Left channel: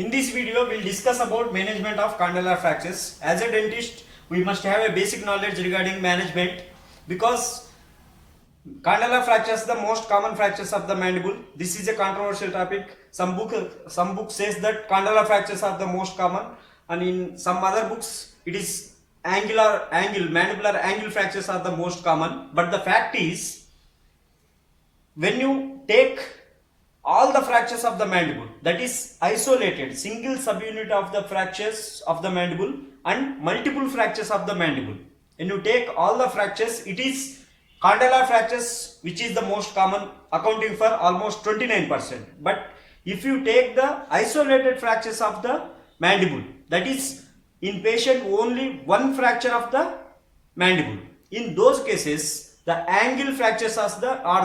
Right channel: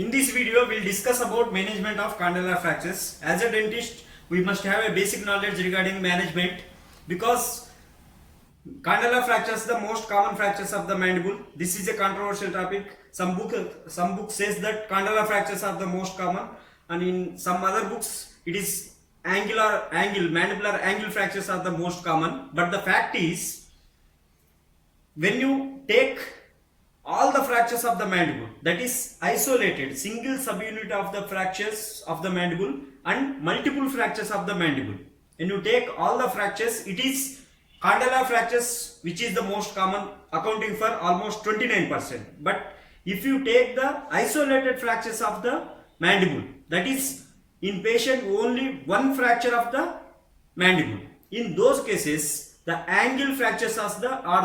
In this video, we'll discuss about management of condylar fractures. As a dentist, we must have a basic knowledge regarding management because condylar fractures are the most common fractures of the mandible. This is a controversial topic. Some book says that condylar fractures are the most common, and in some other books it is mandibular angle fractures are the most common. But the fact is, when you take all the fractures of the mandible, that is isolated single subunit of the fractures of the mandible and multiple fractures of the mandible, when you take all the fractures, it is condylar fractures which is the most common, accounting for almost 29%. But if you take the isolated fractures of the mandible, that is in patient only one fracture of the mandible, in those cases the angle fractures are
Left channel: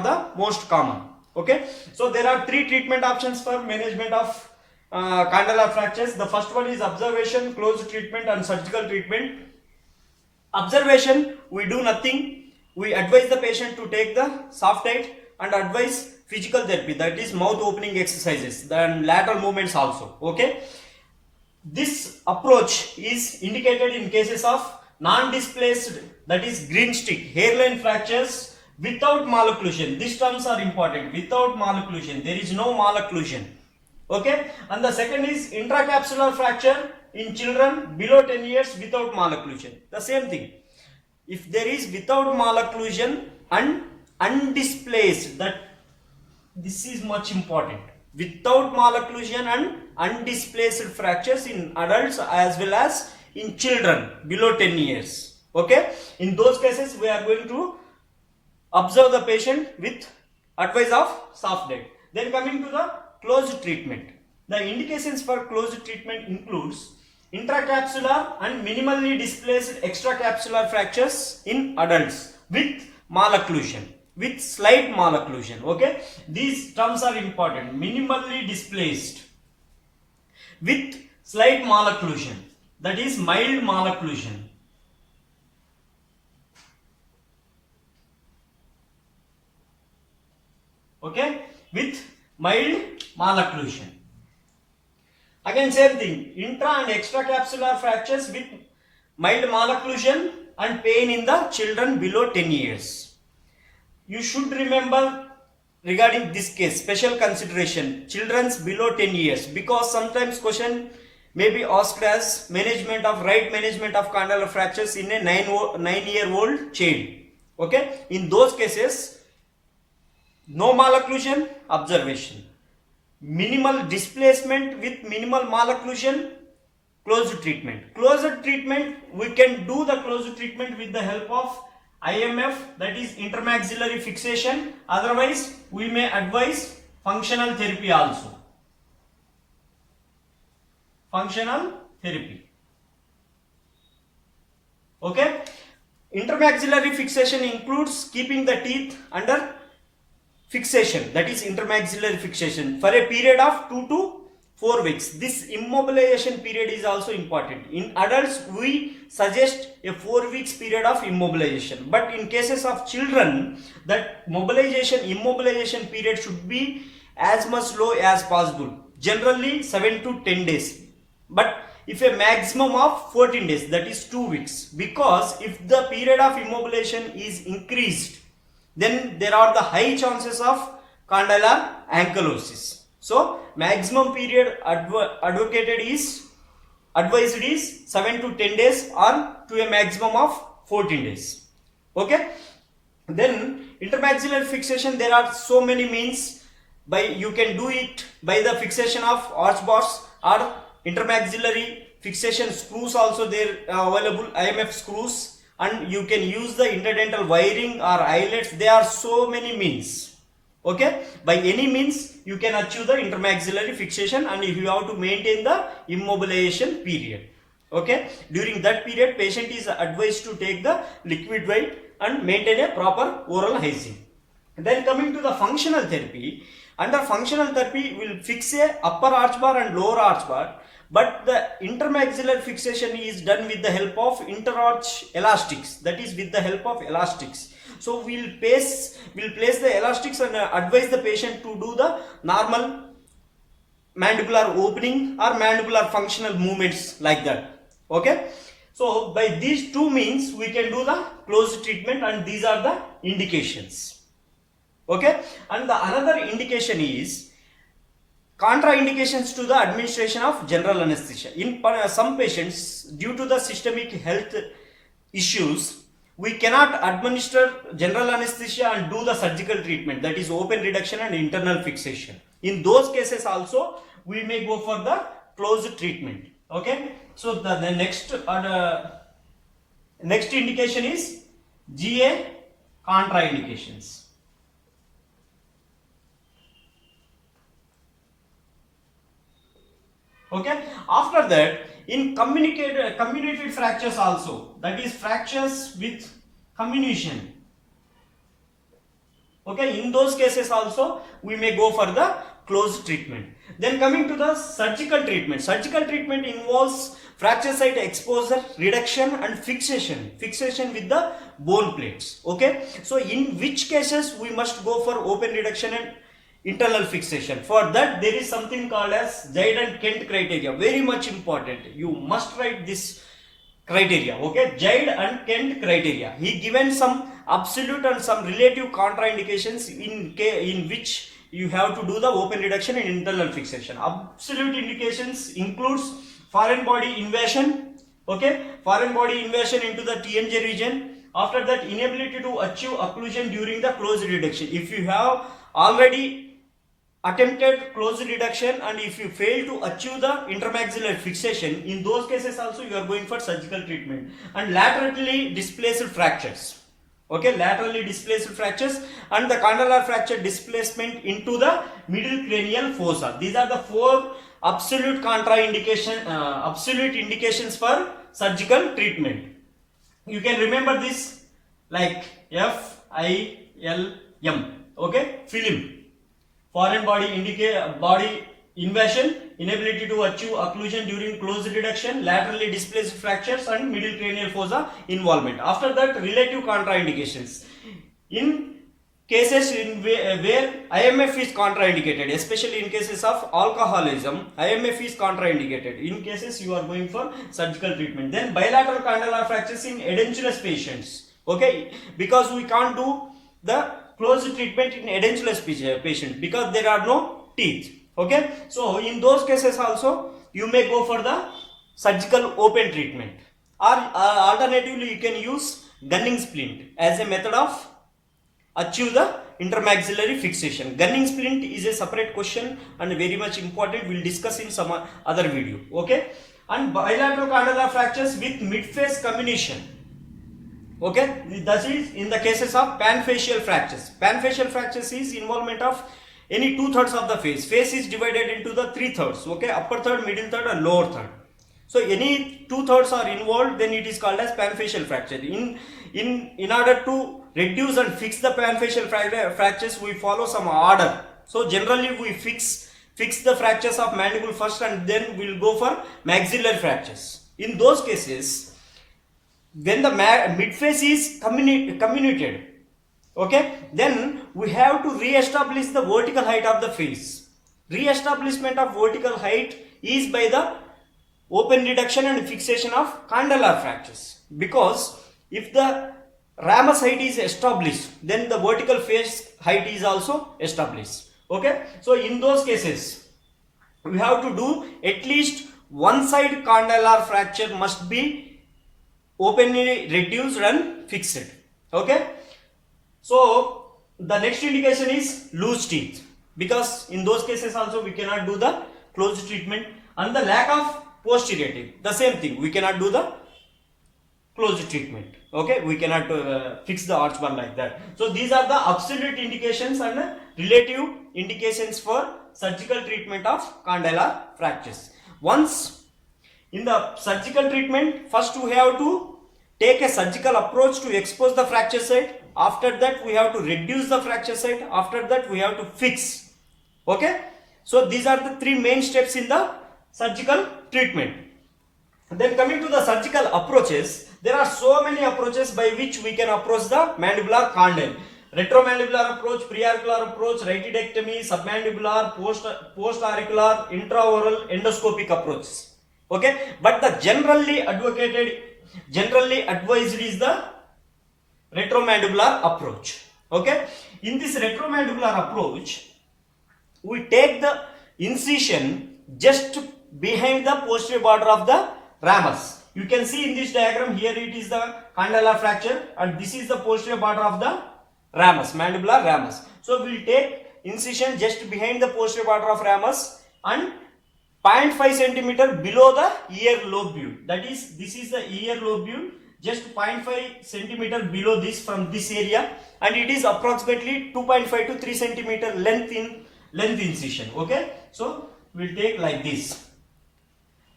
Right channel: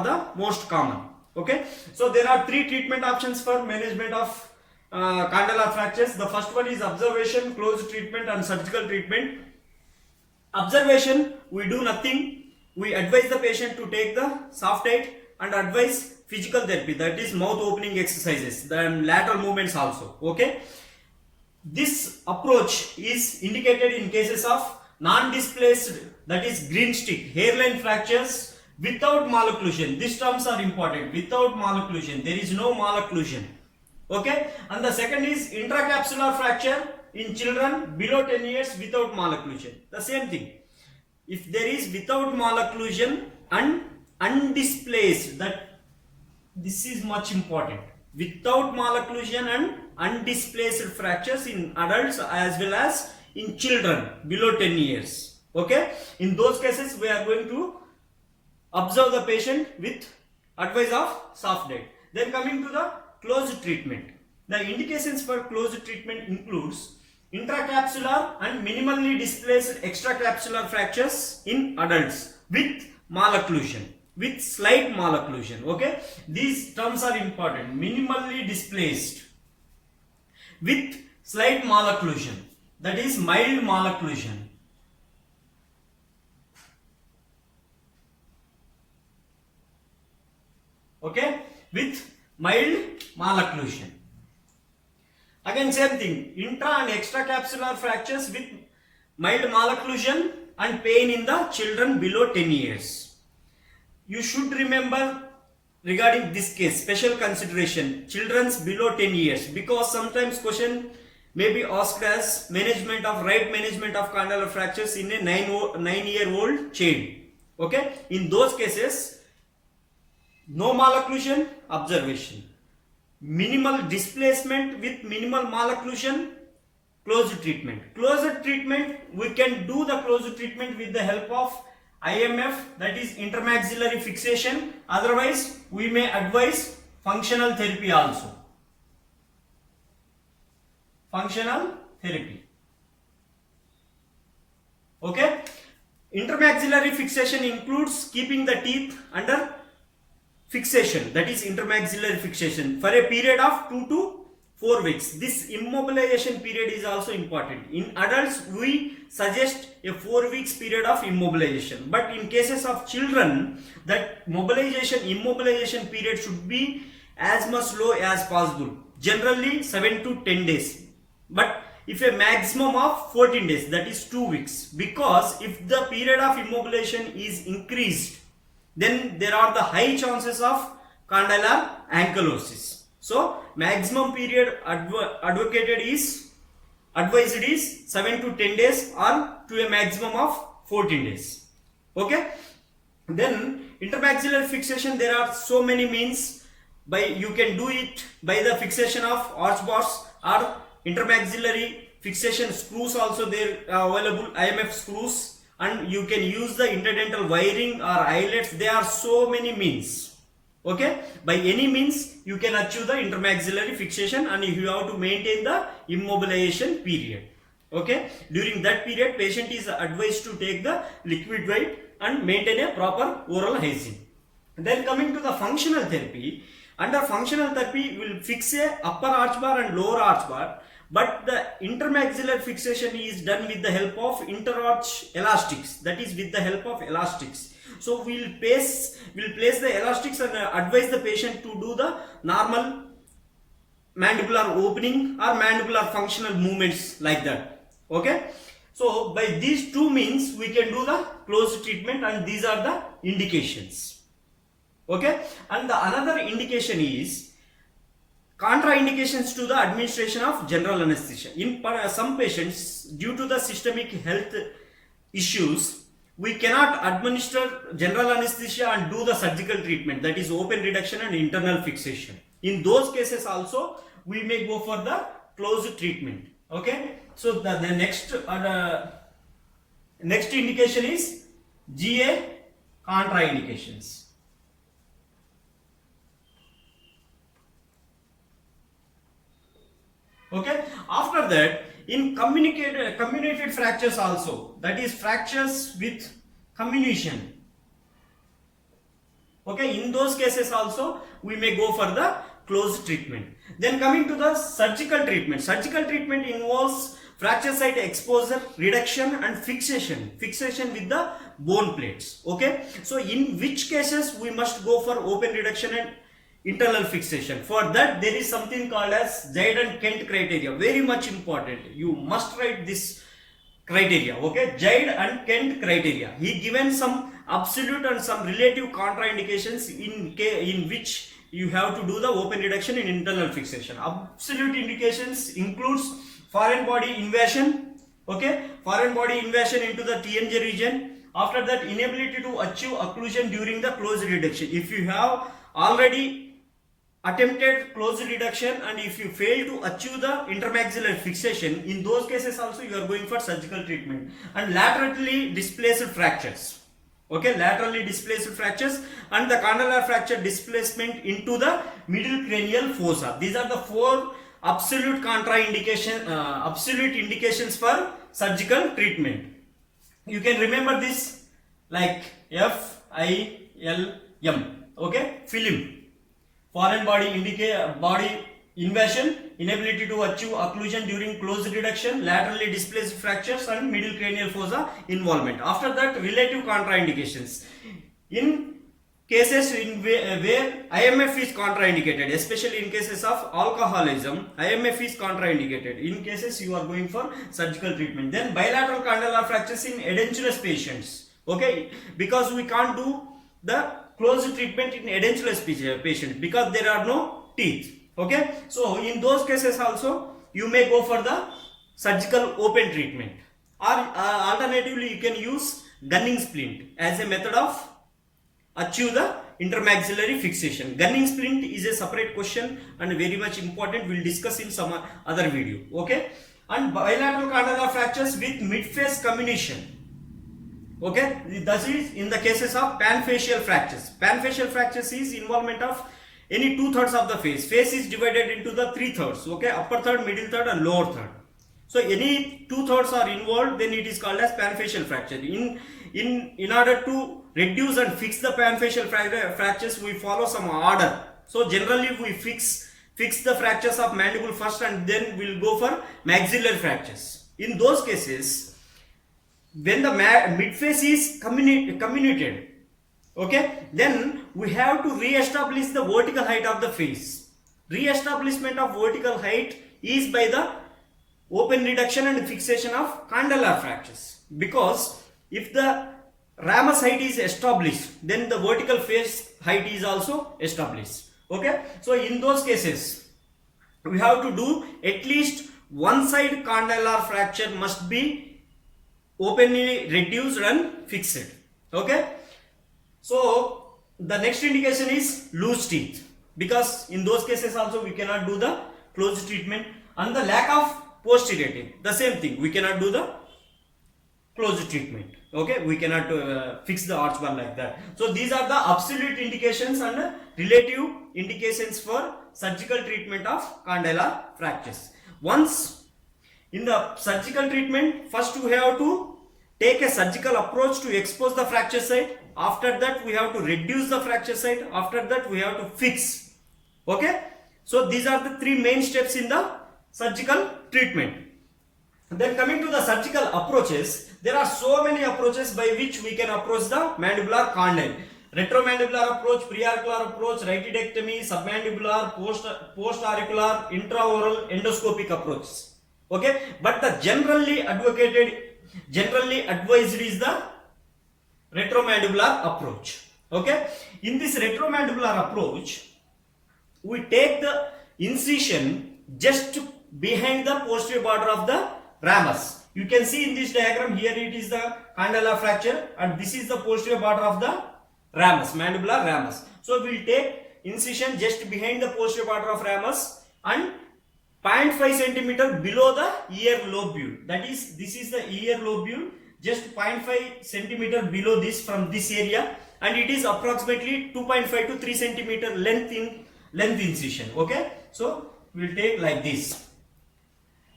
the most common. Okay, so there are three treatment options for management of condylar fractures. The first one is observation, closed treatment and surgical treatment. Observation, we do nothing. We advise the patient to take the soft aid and advise physical therapy, that is mouth opening exercises, then lateral movements also. Okay, this approach is indicated in cases of non-displaced, that is green stick hairline fractures without malocclusion. These terms are important. Without malocclusion, there is no malocclusion. Okay, and the second is intracapsular fracture in children below 10 years without malocclusion. The same thing. If there is without malocclusion and undisplaced, that this is much important. Without malocclusion and undisplaced fractures in adults as well as in children below 10 years. Okay, in those cases we are going to observe the patient with advice of soft aid. Then coming to the closed treatment. The indications for closed treatment includes intracapsular and minimally displaced extracapsular fractures in adults with malocclusion, with slight malocclusion. Okay, these terms are important. Minimally displaced with slight malocclusion, that is mild malocclusion. Okay, with mild malocclusion. Again same thing, intra and extracapsular fractures with mild malocclusion and pain in the children below 10 years. You should remember regarding this case, special consideration, children's below 10 years, because sometimes question may be asked as right management of condylar fractures in a 9-year-old child. Okay, in those cases, no malocclusion, observation. Minimal displacement with minimal malocclusion, closed treatment. Closed treatment, we can do the closed treatment with the help of IMF, that is intermaxillary fixation. Otherwise, we may advise functional therapy also. Functional therapy. Okay. Intermaxillary fixation includes keeping the teeth under fixation, that is intermaxillary fixation, for a period of 2 to 4 weeks. This immobilization period is also important. In adults, we suggest a 4 weeks period of immobilization, but in cases of children, that immobilization period should be as much low as possible, generally 7 to 10 days, but if a maximum of 14 days, that is 2 weeks, because if the period of immobilization is increased, then there are the high chances of condylar ankylosis. So maximum period advocated is 7 to 10 days or to a maximum of 14 days. Okay, then intermaxillary fixation, there are so many means. You can do it by the fixation of arch bars or intermaxillary fixation screws also there available, IMF screws, and you can use the interdental wiring or eyelets. There are so many means. Okay, by any means you can achieve the intermaxillary fixation, and you have to maintain the immobilization period. Okay, during that period patient is advised to take the liquid weight and maintain a proper oral hygiene. Then coming to the functional therapy. Under functional therapy, we will fix a upper arch bar and lower arch bar, but the intermaxillary fixation is done with the help of interarch elastics, that is with the help of elastics. So we'll place the elastics and advise the patient to do the normal mandibular opening or mandibular functional movements like that. Okay, so by these two means we can do the closed treatment, and these are the indications. Okay, and the another indication is contraindications to the administration of general anesthesia. In some patients, due to the systemic health issues, we cannot administer general anesthesia and do the surgical treatment, that is open reduction and internal fixation. In those cases also we may go for the closed treatment. Okay, so the next indication is GA contraindications. Okay, after that, in comminuted fractures also, that is fractures with comminution. Okay, in those cases also we may go for the closed treatment. Then coming to the surgical treatment. Surgical treatment involves fracture site exposure, reduction and fixation with the bone plates. Okay, so in which cases we must go for open reduction and internal fixation? For that there is something called as Zaid and Kent criteria, very much important. You must write this criteria. Okay, Zaid and Kent criteria. He given some absolute and some relative contraindications in which you have to do the open reduction and internal fixation. Absolute indications includes foreign body invasion. Okay, foreign body invasion into the TNJ region. After that, inability to achieve occlusion during the closed reduction. If you have already attempted closed reduction and if you fail to achieve the intermaxillary fixation, in those cases also you are going for surgical treatment. And laterally displaced fractures. Okay, laterally displaced fractures and the condylar fracture displacement into the middle cranial fossa. These are the four absolute absolute indications for surgical treatment. You can remember this like FILM. Okay, film. Foreign body invasion, inability to achieve occlusion during closed reduction, laterally displaced fractures and middle cranial fossa involvement. After that, relative contraindications. In cases where IMF is contraindicated, especially in cases of alcoholism, IMF is contraindicated. In cases you are going for surgical treatment. Then bilateral condylar fractures in edentulous patients. Okay, because we can't do the closed treatment in edentulous patient because there are no teeth. Okay, so in those cases also you may go for the surgical open treatment, or alternatively you can use gunning splint as a method of achieve the intermaxillary fixation. Gunning splint is a separate question and very much important. We'll discuss in some other video. Okay, and bilateral condylar fractures with mid-face comminution. Okay, that is in the cases of panfacial fractures. Panfacial fractures is involvement of any 2/3 of the face. Face is divided into the 3/3. Okay, upper third, middle third and lower third. So any 2/3 are involved, then it is called as panfacial fracture. In order to reduce and fix the panfacial fractures, we follow some order. So generally we fix the fractures of mandible first and then we'll go for maxillary fractures. In those cases, when the midface is comminuted, okay, then we have to re-establish the vertical height of the face. Re-establishment of vertical height is by the open reduction and fixation of condylar fractures, because if the ramus height is established, then the vertical face height is also established. Okay, so in those cases we have to do at least one side condylar fracture must be openly reduced and fixed. Okay, so the next indication is loose teeth, because in those cases also we cannot do the closed treatment. And the lack of posterior teeth, the same thing, we cannot do the closed treatment. Okay, we cannot fix the arch bar like that. So these are the absolute indications and relative indications for surgical treatment of condylar fractures. Once in the surgical treatment, first we have to take a surgical approach to expose the fracture site. After that we have to reduce the fracture site. After that we have to fix. Okay, so these are the three main steps in the surgical treatment. Then coming to the surgical approaches, there are so many approaches by which we can approach the mandibular condyle. Retromandibular approach, preauricular approach, rightidectomy, submandibular, post-auricular, intraoral, endoscopic approaches. Okay, but the generally advised is the retromandibular approach. Okay, in this retromandibular approach, we take the incision just behind the posterior border of the ramus. You can see in this diagram, here it is the condylar fracture and this is the posterior border of the ramus, mandibular ramus. So we will take incision just behind the posterior border of ramus and 0.5 centimeter below the ear lobule. That is, this is the ear lobule, just 0.5 centimeter below this from this area, and it is approximately 2.5 to 3 centimeter length incision. Okay, so we will take like this.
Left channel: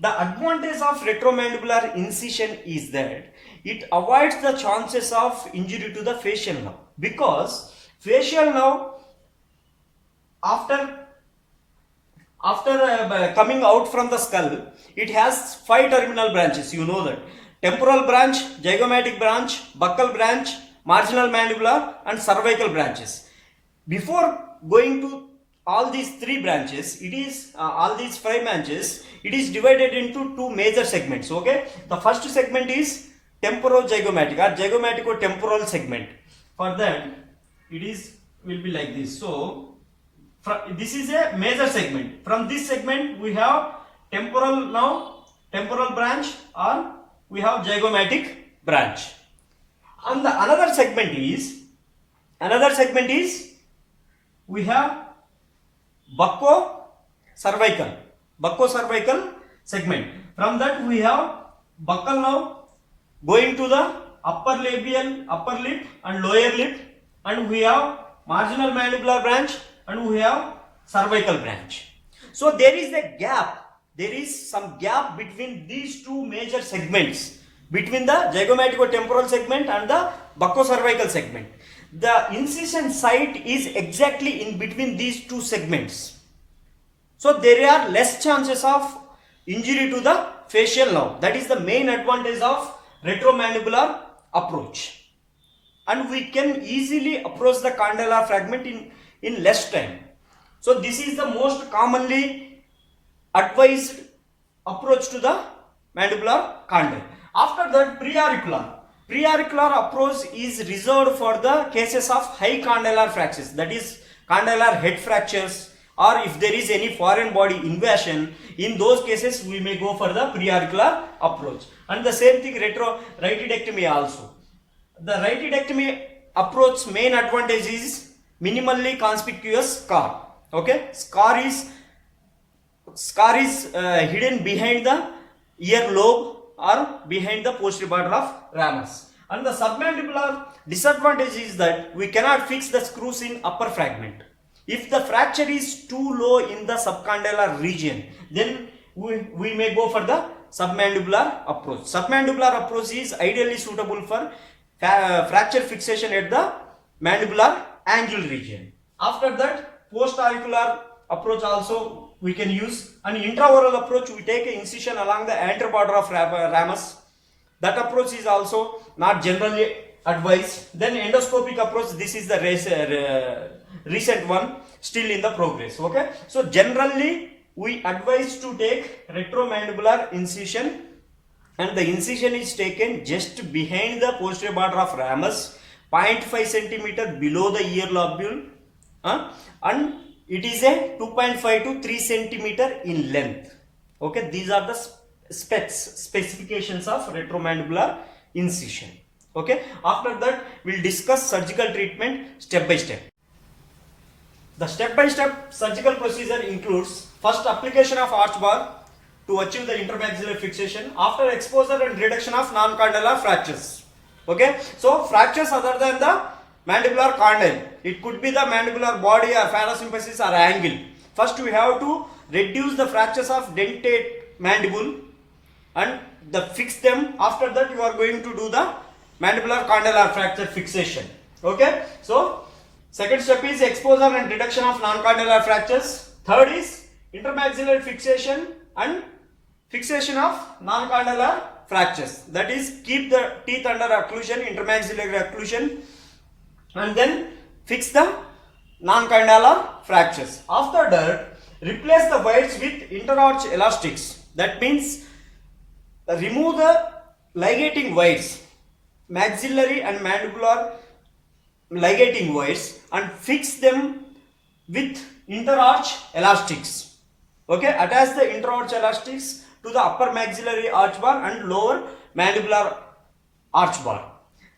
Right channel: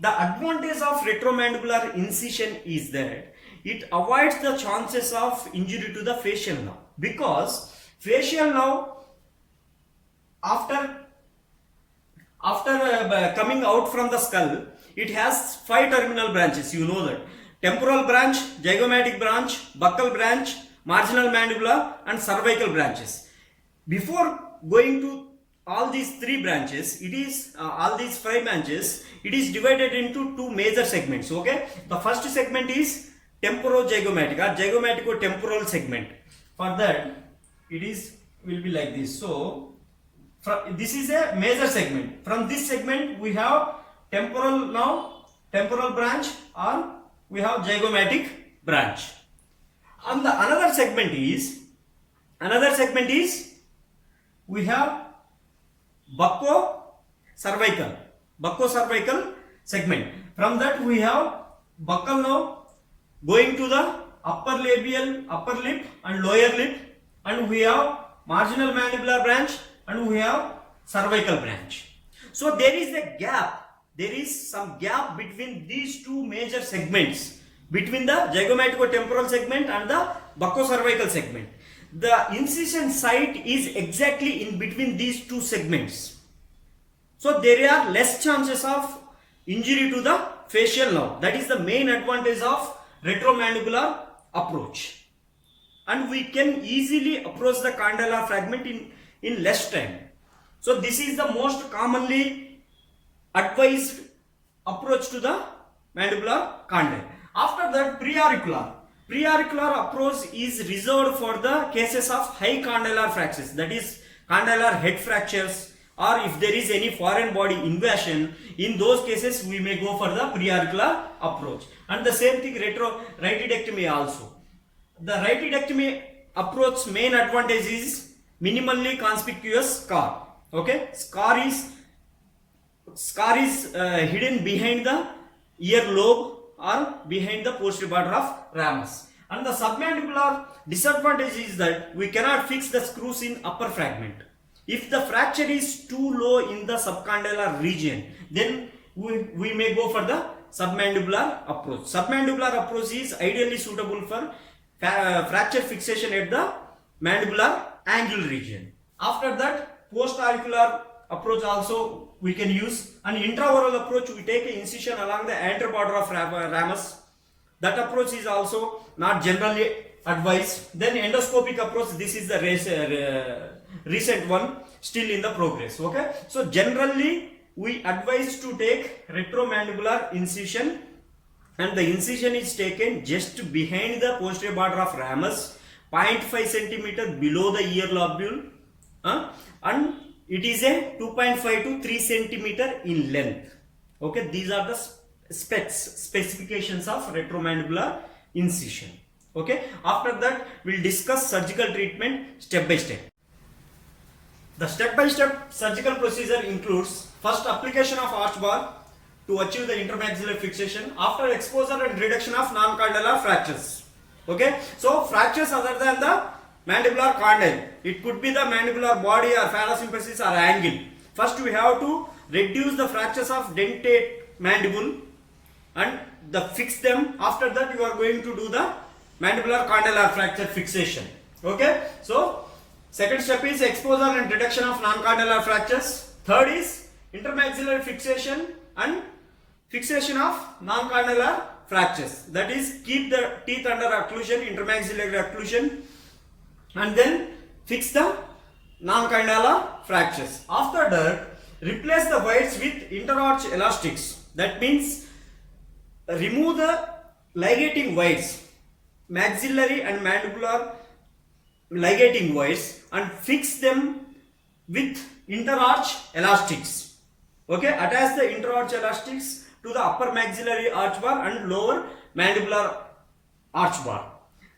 The advantage of retromandibular incision is that it avoids the chances of injury to the facial nerve, because facial nerve after coming out from the skull, it has 5 terminal branches. You know that: temporal branch, zygomatic branch, buccal branch, marginal mandibular and cervical branches. Before going to all these 3 branches, it is all these 5 branches, it is divided into 2 major segments. Okay, the first segment is temporozygomatic or zygomatic-temporal segment. For that, it is will be like this. So this is a major segment. From this segment we have temporal branch, or we have zygomatic branch. And the another segment is we have bucco-cervical segment. From that we have buccal nerve going to the upper lip and lower lip, and we have marginal mandibular branch and we have cervical branch. So there is some gap between these 2 major segments, between the zygomatic-temporal segment and the bucco-cervical segment. The incision site is exactly in between these 2 segments. So there are less chances of injury to the facial nerve. That is the main advantage of retromandibular approach. And we can easily approach the condylar fragment in less time. So this is the most commonly advised approach to the mandibular condyle. After that, preauricular approach is reserved for the cases of high condylar fractures, that is condylar head fractures, or if there is any foreign body invasion. In those cases we may go for the preauricular approach. And the same thing rightidectomy also. The rightidectomy approach main advantage is minimally conspicuous scar. Okay, scar is hidden behind the ear lobe or behind the posterior border of ramus. And the submandibular disadvantage is that we cannot fix the screws in upper fragment. If the fracture is too low in the subcondylar region, then we may go for the submandibular approach. Submandibular approach is ideally suitable for fracture fixation at the mandibular angle region. After that, post-auricular approach also we can use. An intraoral approach, we take an incision along the anterior border of ramus. That approach is also not generally advised. Then endoscopic approach, this is the recent one, still in the progress. Okay, so generally we advise to take retromandibular incision, and the incision is taken just behind the posterior border of ramus, 0.5 centimeter below the ear lobule, and it is a 2.5 to 3 centimeter in length. Okay, these are the specifications of retromandibular incision. Okay, after that we'll discuss surgical treatment step by step. The step-by-step surgical procedure includes first application of arch bar to achieve the intermaxillary fixation after exposure and reduction of non-condylar fractures. Okay, so fractures other than the mandibular condyle, it could be the mandibular body or parasympasis or angle. First we have to reduce the fractures of dentate mandible and fix them. After that you are going to do the mandibular condylar fracture fixation. Okay, so second step is exposure and reduction of non-condylar fractures. Third is intermaxillary fixation and fixation of non-condylar fractures. That is, keep the teeth under occlusion, intermaxillary occlusion, and then fix the non-condylar fractures. After that, replace the wires with interarch elastics. That means remove the ligating wires, maxillary and mandibular ligating wires, and fix them with interarch elastics. Okay, attach the interarch elastics to the upper maxillary arch bar and lower mandibular arch bar.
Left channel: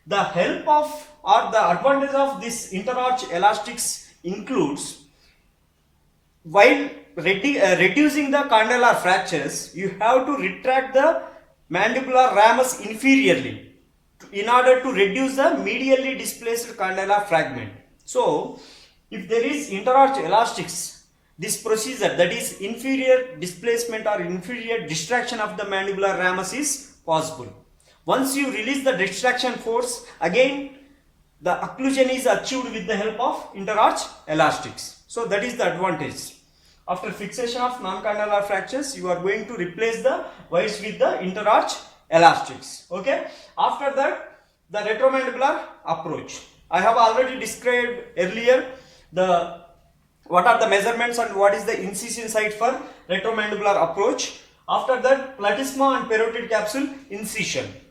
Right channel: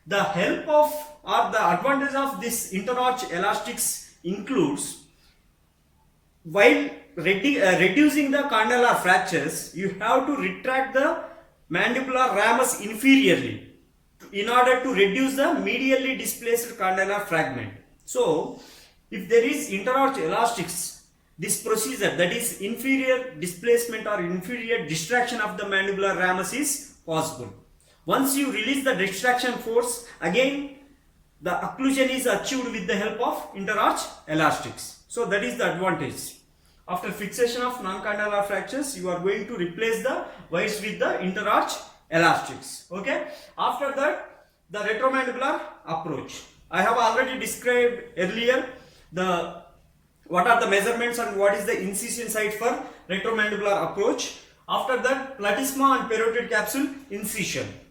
The help of or the advantage of this interarch elastics includes, while reducing the condylar fractures, you have to retract the mandibular ramus inferiorly in order to reduce the medially displaced condylar fragment. So, if there is interarch elastics, this procedure, that is inferior displacement or inferior distraction of the mandibular ramus, is possible. Once you release the distraction force, again the occlusion is achieved with the help of interarch elastics. So that is the advantage. After fixation of non-condylar fractures, you are going to replace the wires with the interarch elastics. Okay. After that, the retromandibular approach. I have already described earlier what are the measurements and what is the incision site for retromandibular approach. After that, platysma and parotid capsule incision.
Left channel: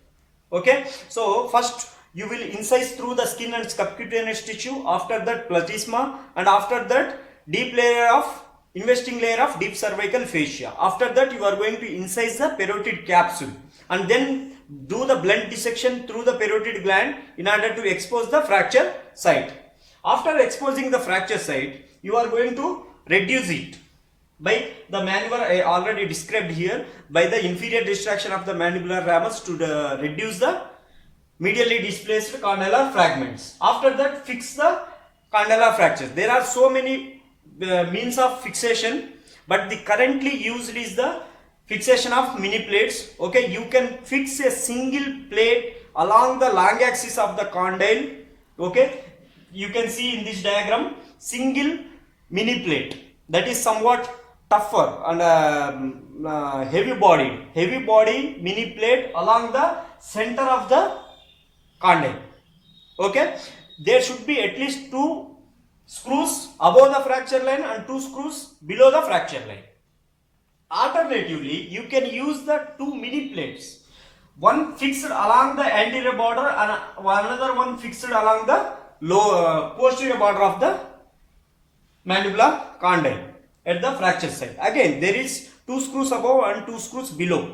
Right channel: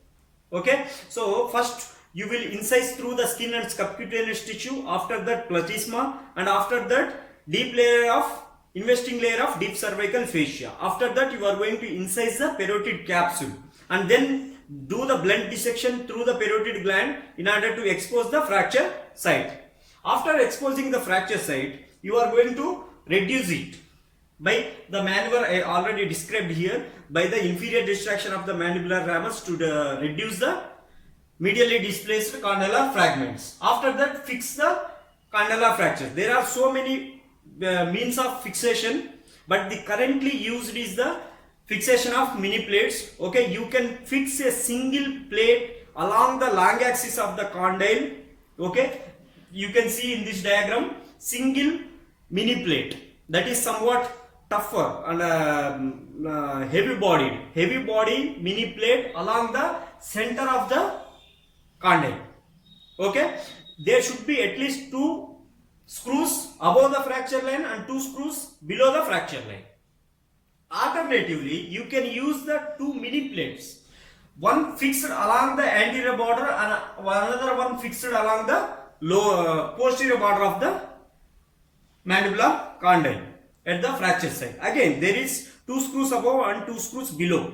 Okay, so first you will incise through the skin and subcutaneous tissue. After that, platysma, and after that, investing layer of deep cervical fascia. After that, you are going to incise the parotid capsule and then do the blunt dissection through the parotid gland in order to expose the fracture site. After exposing the fracture site, you are going to reduce it by the maneuver I already described here, by the inferior distraction of the mandibular ramus to reduce the medially displaced condylar fragments. After that, fix the condylar fractures. There are so many means of fixation, but the currently used is the fixation of mini plates. Okay, you can fix a single plate along the long axis of the condyle. Okay, you can see in this diagram single mini plate, that is somewhat tougher and heavy body mini plate along the center of the condyle. Okay, there should be at least 2 screws above the fracture line and 2 screws below the fracture line. Alternatively, you can use the 2 mini plates, one fixed along the anterior border and another one fixed along the posterior border of the mandibular condyle at the fracture site. Again, there is 2 screws above and 2 screws below.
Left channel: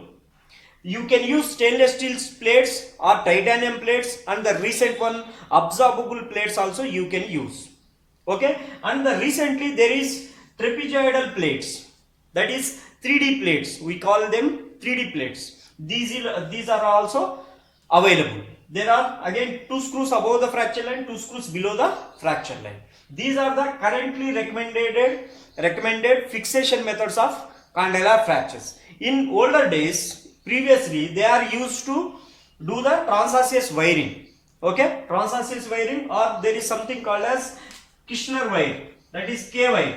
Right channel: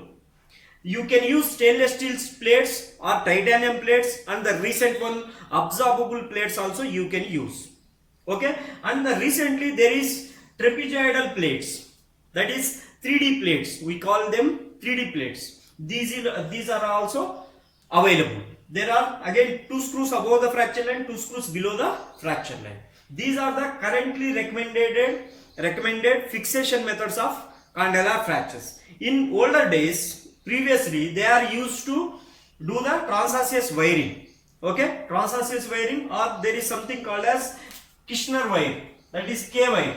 You can use stainless steel plates or titanium plates, and the recent one absorbable plates also you can use. Okay, and recently there is trapezoidal plates, that is 3D plates. We call them 3D plates. These are also available. There are again 2 screws above the fracture line, 2 screws below the fracture line. These are the currently recommended fixation methods of condylar fractures. In older days, previously they are used to do the transosseous wiring. Okay, transosseous wiring, or there is something called as Kirschner wire, that is K wire.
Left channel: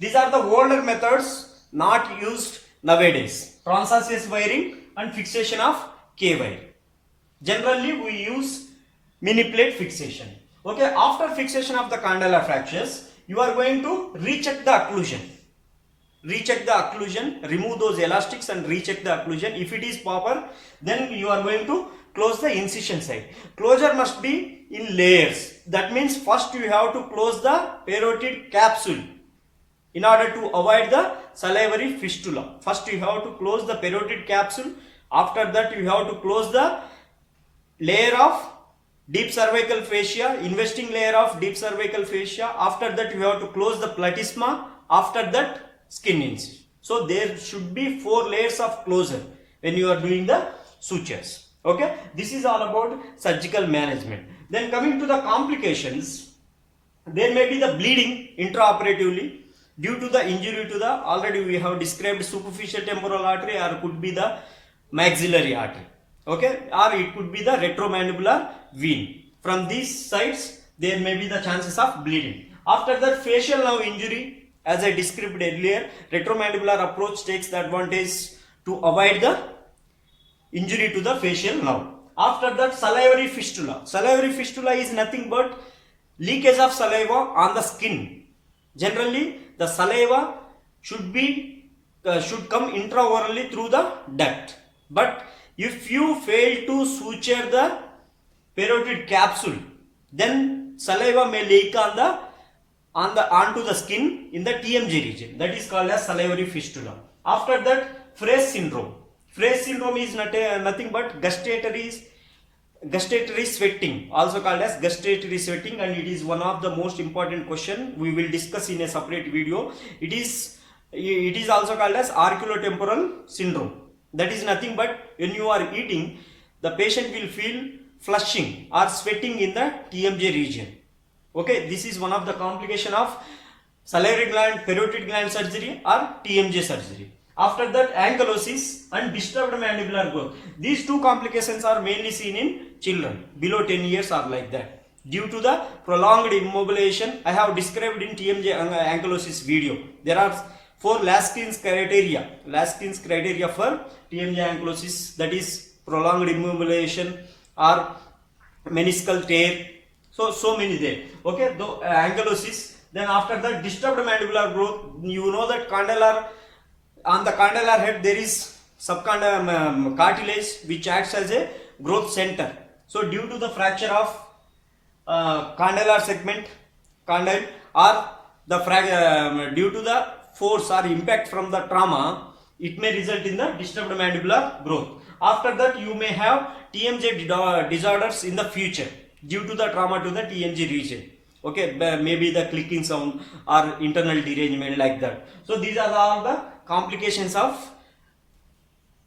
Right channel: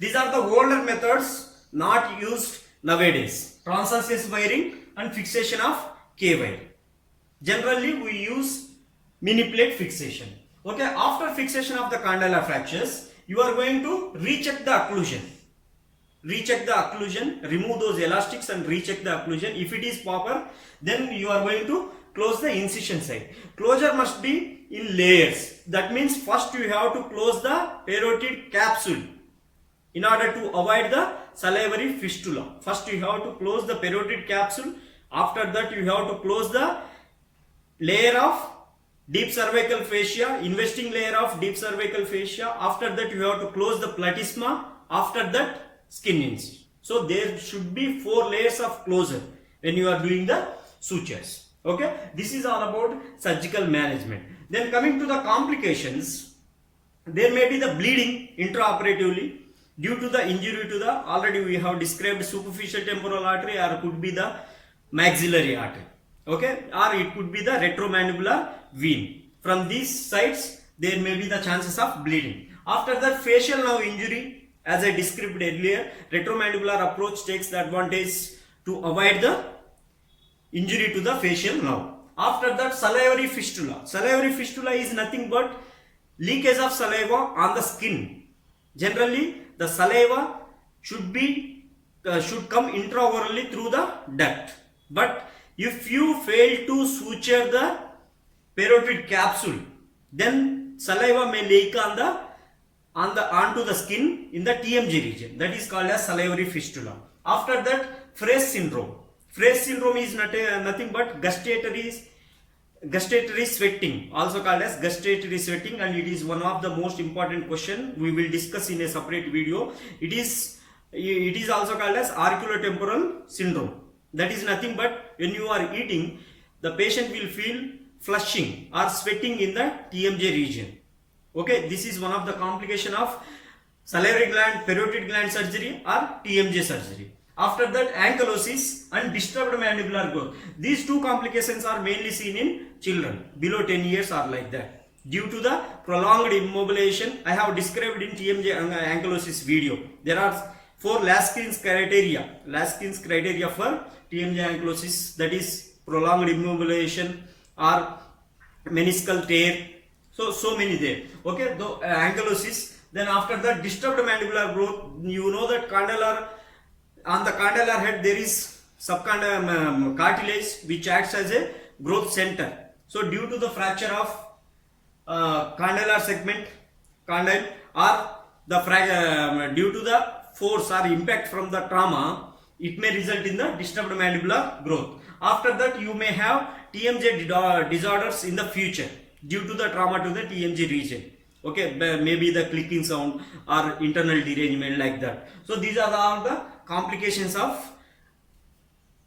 These are the older methods not used nowadays. Transosseous wiring and fixation of K wire. Generally we use mini plate fixation. Okay, after fixation of the condylar fractures, you are going to recheck the occlusion. Recheck the occlusion, remove those elastics and recheck the occlusion. If it is proper, then you are going to close the incision site. Closure must be in layers. That means first you have to close the parotid capsule in order to avoid the salivary fistula. First you have to close the parotid capsule. After that you have to close the layer of deep cervical fascia, investing layer of deep cervical fascia. After that you have to close the platysma. After that skin incision. So there should be 4 layers of closure when you are doing the sutures. Okay, this is all about surgical management. Then coming to the complications, there may be the bleeding intraoperatively due to the injury to the, already we have described, superficial temporal artery, or could be the maxillary artery. Okay, or it could be the retromandibular vein. From these sides there may be the chances of bleeding. After that, facial nerve injury, as I described earlier, retromandibular approach takes the advantage to avoid the injury to the facial nerve. After that, salivary fistula. Salivary fistula is nothing but leakage of saliva on the skin. Generally, the saliva should come intraorally through the duct. But if you fail to suture the parotid capsule, then saliva may leak onto the skin in the TMJ region. That is called as salivary fistula. After that, Fraze syndrome. Fraze syndrome is nothing but gustatory sweating, also called as gustatory sweating, and it is one of the most important question we will discuss in a separate video. It is also called as auriculotemporal syndrome. That is nothing but when you are eating, the patient will feel flushing or sweating in the TMJ region. Okay, this is one of the complication of salivary gland, parotid gland surgery or TMJ surgery. After that, ankylosis and disturbed mandibular growth. These two complications are mainly seen in children below 10 years or like that. Due to the prolonged immobilization, I have described in TMJ ankylosis video. There are 4 Laskin's criteria for TMJ ankylosis, that is prolonged immobilization or meniscal tear. So many there. Okay, ankylosis. Then after that, disturbed mandibular growth. You know that on the condylar head there is subcondylar cartilage which acts as a growth center. So due to the fracture of condylar segment, condyle, or due to the force or impact from the trauma, it may result in the disturbed mandibular growth. After that, you may have TMJ disorders in the future due to the trauma to the TMJ region. Okay, maybe the clicking sound or internal derangement like that. So these are all the complications of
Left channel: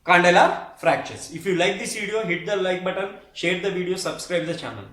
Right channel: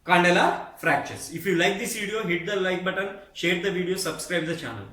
condylar fractures. If you like this video, hit the like button, share the video, subscribe the channel.